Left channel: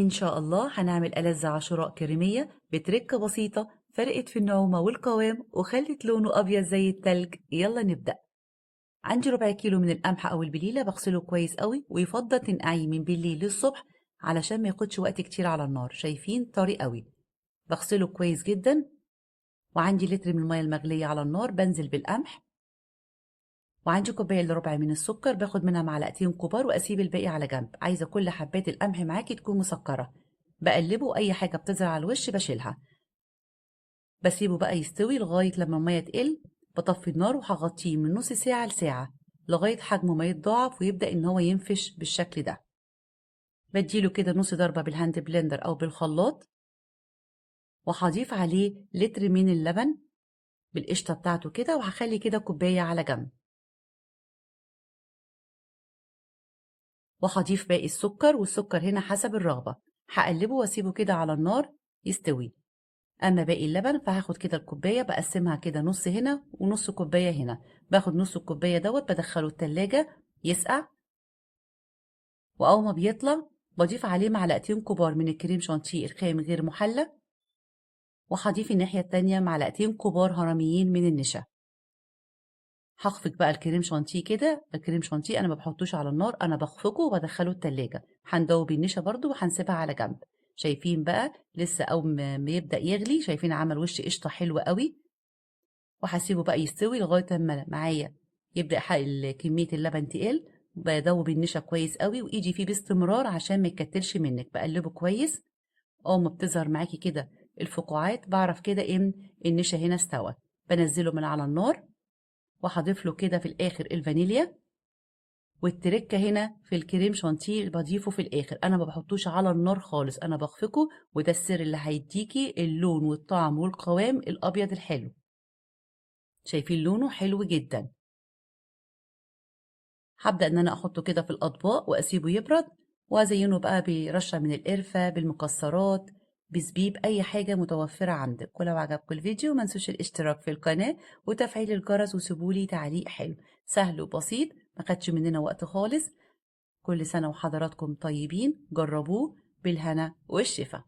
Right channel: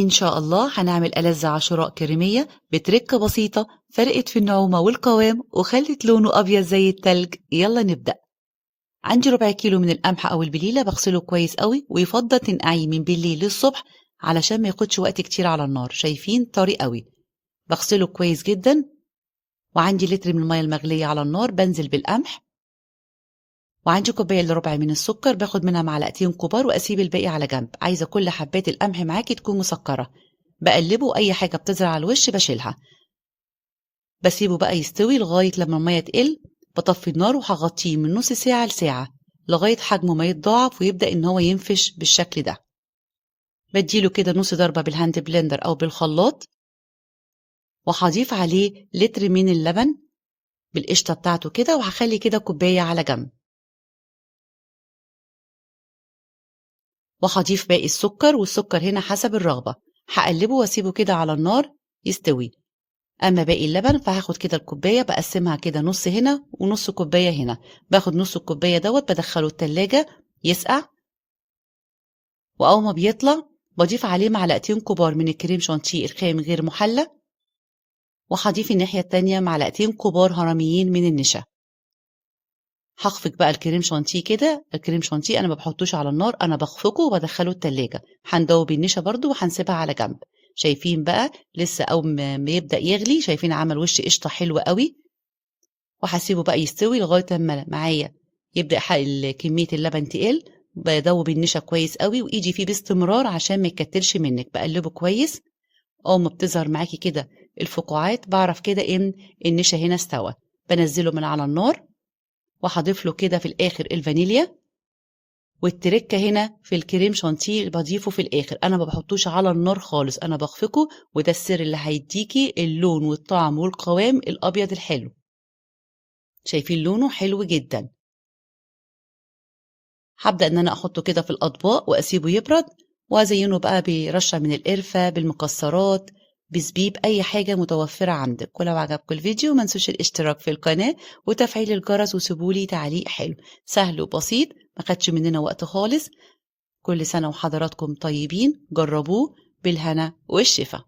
إن شاء الله هنعمل ألذ عاشوراء كريمية بتركة بسيطة فرقت في النعومة والقوام وخلت لونه أبيض زي التلج. يلا نبدأ. عندي ربع كيلو من القمح أو البليلة بغسله كويس قوي، ويفضل تنقعيه من بالليل للصبح علشان ما ياخدش وقت كتير على النار. شايفين طري قوي؟ بغسله كويس جدا. وعندي لتر من المية المغلية على النار بنزل بالقمح، وعندي كوباية إلا ربع من السكر باخد منها معلقتين كبار وأسيب الباقي على جنب. عايزة كل حبات القمح معاكي تكون مسكرة. بقلبه، أي حاجة بتزرع على الوش بشيلها. بسيبه بقى يستوي لغاية لما المية تقل. بطفي النار وهغطيه من نص ساعة لساعة لغاية حجمه ما يتضاعف ويبدأ إن هو ينفش بالشكل ده. بديله كده نص ضربة بالهاند بلندر أو بالخلاط، وهضيف عليه لتر من اللبن بالقشطة بتاعته كده، وهخلي كده كوباية على جنب. وهضيف باقي السكر، والسكر هنا حسب الرغبة. هقلبه واسيبه كده على النار يستوي. اما باقي اللبن فهاخد كده الكوباية بقسمها كده نص هنا ونص كوباية هنا. باخد نص الكوباية دوت بدخله التلاجة يسقع، واول ما بيطلع بضيف عليه معلقتين كبار من الكريم شانتيه الخام غير محلى، وهضيف الناحية التانية معلقتين كبار هرميين من النشا. هخفق بقى الكريم شانتيه كده. الكريم شانتيه انا ما بحطوش على النار، انا بخفقه وبدخله التلاجة. هندوب النشا برضو وهنسيبها على جنب. شايفين بقى لسه اول ما يبدأ يغلي، شايفين عمل وش قشطة حلوة قوي. وهسيبه بقى يستوي لغاية لما معايا يبدأ كمية اللبن تقل. بدوب النشا كويس قوي وايدي فيه باستمرار عشان ما يكتلش منك. بقلبه كويس. اول ما بتظهر معاكي كده الفقاعات بعرف كده ان النشا هنا استوى. بنزله من على النار، وهضيف له كده في الاخر الفانيليا. والتركه هنا في الكريم شانتيه بضيفه في الاخر، انا ما بحطوش على النار خالص، انا بخفقه. وده السر اللي هيديكي اللون والطعم والقوام الابيض الحلو. شايفين لونه حلو جدا. هبدأ ان انا احطه كده في الاطباق واسيبه يبرد، وازينه بقى برشة من القرفة، بالمكسرات، بزبيب، اي حاجة متوفرة عندك. ولو عجبكم الفيديو ما تنسوش الاشتراك في القناة وتفعيل الجرس، وسيبولي تعليق حلو. سهل وبسيط، ما خدش مننا وقت خالص. كل سنة وحضراتكم طيبين. جربوه بالهنا والشفا.